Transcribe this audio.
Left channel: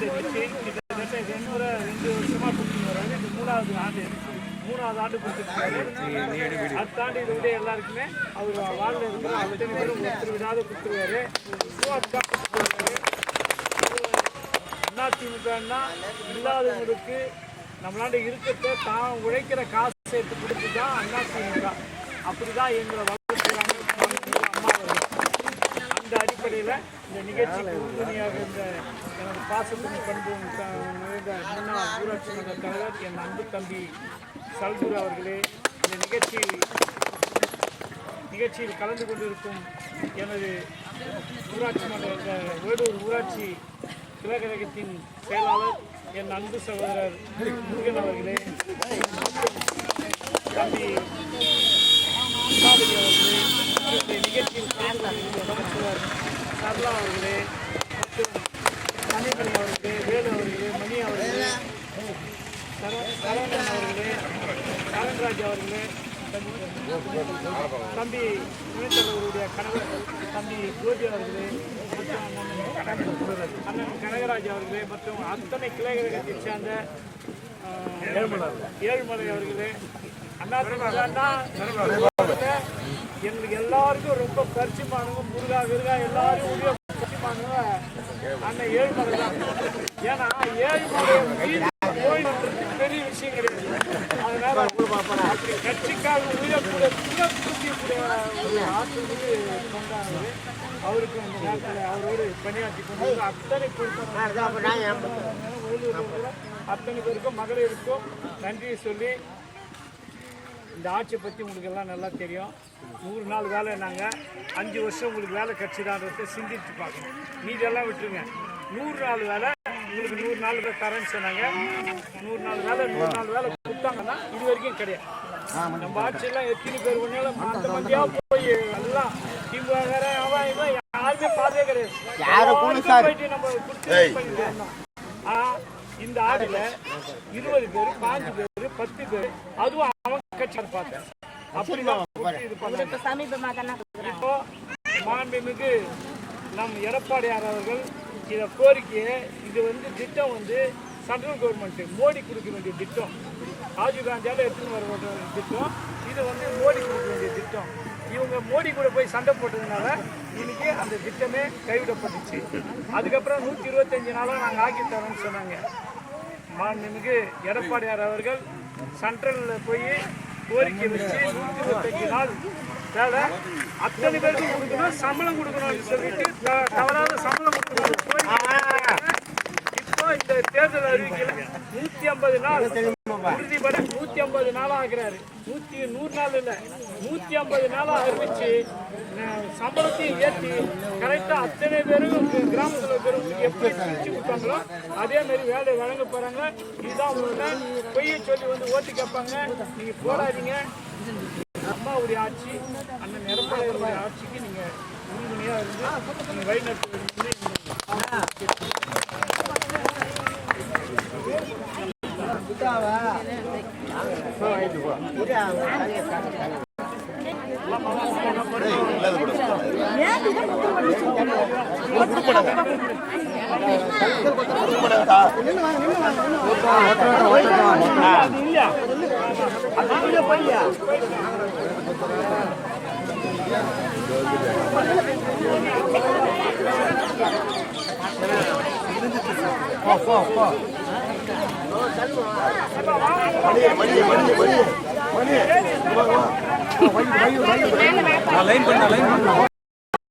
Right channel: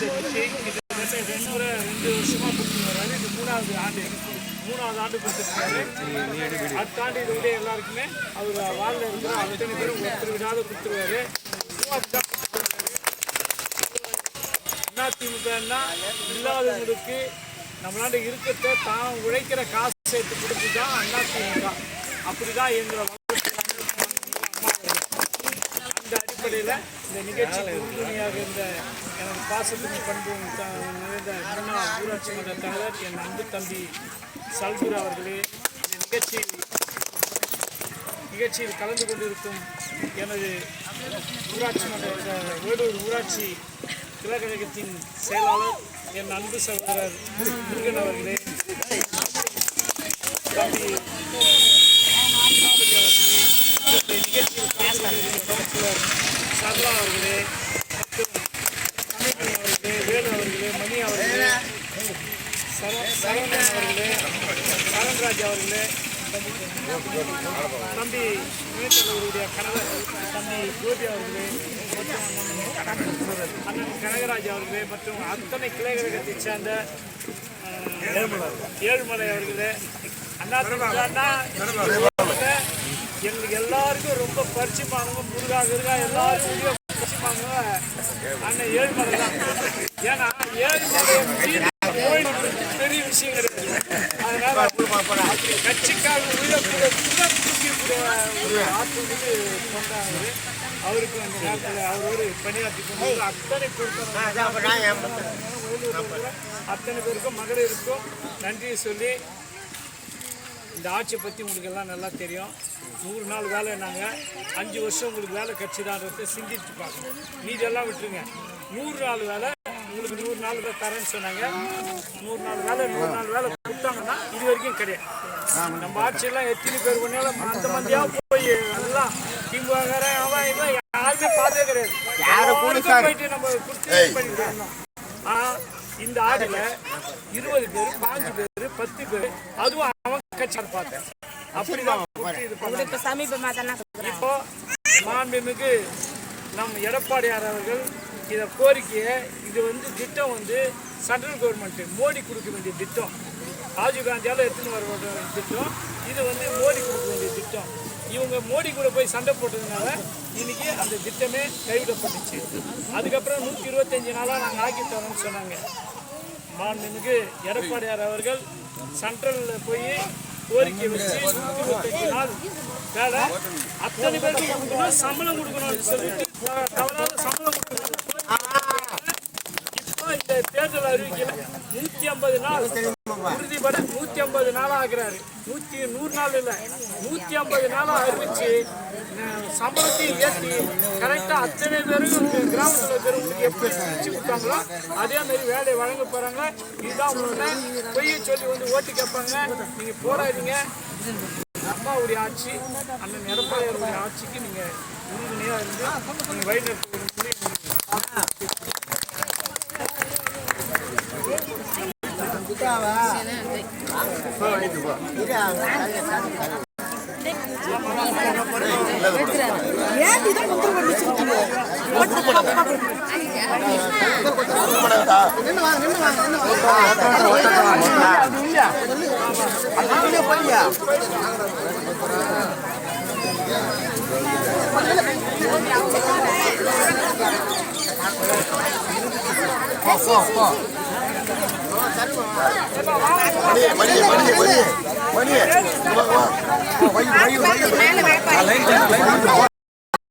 இந்த நிகழ்ச்சி கிட்டத்தட்ட 2 வருஷமாக கொடுத்துட்டு வர்றாரு. இது 3வது ஆண்டு கொடுத்துருக்காரு. அடுத்த ஆண்டு இது விட எல்லாருக்குமே அவர் வாழ்ல இருக்கிற அத்தனை பேரும் ஒருத்தர் விடாத கொடுத்துருவாரு. அதிமுகன்னா இல்லாதவங்களுக்கு நம்மளாண்ட இருக்கிறத தான் உழைக்கிற காசு சேர்த்து கொடுத்து தான் அதிமுக. அப்படி தான் எங்களை வளர்க்கிறாங்க அம்மா அவர்கள். அந்த அடிப்படையில் இந்த நிகழ்ச்சிக்கு உறுதுணையாக இருந்த எனது பாசத்தின் பண்பு நிறைந்த முன்னாள் ஊராட்சி மன்ற தலைவர் என் அன்பு தம்பி சல்குரு அவர்களே, இந்த நிகழ்ச்சியில் கலந்து கொண்டிருக்கும் எனது ஊராட்சி மன்ற வேலூர் ஊராட்சி கிழக்கழகத்தின் செயலாளர் என் அன்பு சகோதரர் முருகன் அவர்களே, தம்பி உஷாபதி அவர்களே, இந்த நிகழ்ச்சியில் கலந்து கொண்டிருக்கும் கவுன்சிலர் சர்லா அவர்களே மற்றும் மணிமணி அவர்களே, வேலு அவர்களே, மணி அவர்களே, சரவணன் அவர்களே, சரண்ராஜ் அவர்களே, தம்பி துணைத்தலைவருடைய கணவர் தம்பி கோபி அவர்களே மற்றும் அண்ணன் கனகராஜ் அவர்களே மற்றும் அத்தனை கிளைக்கழகத்தை சேர்ந்த ஏழுமலை அவர்களே, எங்களுக்கு எல்லாருக்கும் ரொம்ப பரிச்சயமானவங்க முருகா விருகா எல்லாருக்கும் உரிய பரிச்சயமானவங்க அண்ணன் ஏழுமலை தான். ஏன்னா ஏழுமலை பெரிய விஷயம் கிடையாது. அதனால அப்படி கட்சிக்காக உயிரக்கூடிய ஒரு ஆற்றுக்கு கொண்டாங்க. அவருக்கு அந்த நேரத்தில் அவரோடு பணியாற்றி கொண்டு அத்தனை அத்தனை பேருக்கும் மகளிருக்கும் நன்றியை சொல்லி, இந்த ஆட்சியை பற்றி உங்களுக்கு எல்லாம் நல்லா தெரியும். 100 நாள் வேலை நாங்கள் 5 வருஷம் உங்களுக்கு வேலை கட்சிதான்றதை சிந்திச்சு பார்க்கணும். மீதெல்லாம் விட்டுருங்க. 100 நாள் வேலை உங்களுக்கு 100 நாள் தரேன்னு சொன்னாங்க. 100 நாள் வேலை 100 நாள் வேலை கொடுத்தாங்கன்னா இது வரைக்கும் கிடையாது. நம்ம ஆட்சியெல்லாம் எத்தனை பேர் ஒன்றாலும் அந்த மந்தியாக போய் எல்லாம் திமுக அவன் யாருமே பார்த்தே கிடையாது. போயிட்டு நம்ம கொடுத்து பண்ணிட்டு இருந்தோம். இந்த ஆடியில் 20 பேர் 5 பேர் 10 பேர் அதுவும் அவங்க கட்சி பார்த்தேன். அப்படிதான் இது பண்ண. இப்போ மாண்புமிகு நம் எடப்பாடியார் அவர்கள் இதை கோரிக்கையை இது திட்டம் சென்ட்ரல் கவர்மெண்ட் மோடி கொடுக்க வேண்டிய திட்டம். ராஜீவ் காந்தியால் எடுத்துன்னு வர வேண்டிய திட்டம். இது மோடி கொடுக்க வேண்டிய திட்டம். இவங்க மோடி கூட போய் சண்டை போட்டதுனால இன்னைக்கு அந்த திட்டமே கைவிடப்பட்டுச்சு. அதுக்கப்புறம் 125 நாளாக நாங்கள் ஆக்கி தரோம்னு சொன்னாங்க. மாண்புமிகு எடப்பாடியார் அவர்கள் சென்ட்ரலில் போய் கோரிக்கை வச்சு 125 நாள் வேலை அத்தனை பேருக்கு கொடுக்கணும், சம்பளம் கொடுக்கணும்னு சொல்லிட்டு தவறாத சம்பளம் கொடுக்கணும். இப்போ இந்த தேர்தல் அறிவிக்கல 150 நாள் உறுதிப்பட 150 நாளாக ஆகிறாரு. 100 நாள் இல்லை 150 நாளாக அறிவிச்சு சம்பளத்தையும் ஏற்றி கரெக்டாக அத்தனை பேரும் கிராமத்தில் இருக்கிறவங்களுக்கு எப்படி பிரித்து கொடுத்தாங்களோ அதேமாரி வேலையை வழங்க போகிறாங்க. இதுதான் உங்களுக்கு பொய்யை சொல்லி ஓட்டு கேட்பாங்க. நீங்கள் போடாதீங்க. அம்மாவுடைய ஆட்சி அண்ணன் எடப்பாடியாருடைய ஆட்சிக்கு நீங்கள் உறுதுணையாக இருந்து நீங்கள் வழிநடத்துவது மணி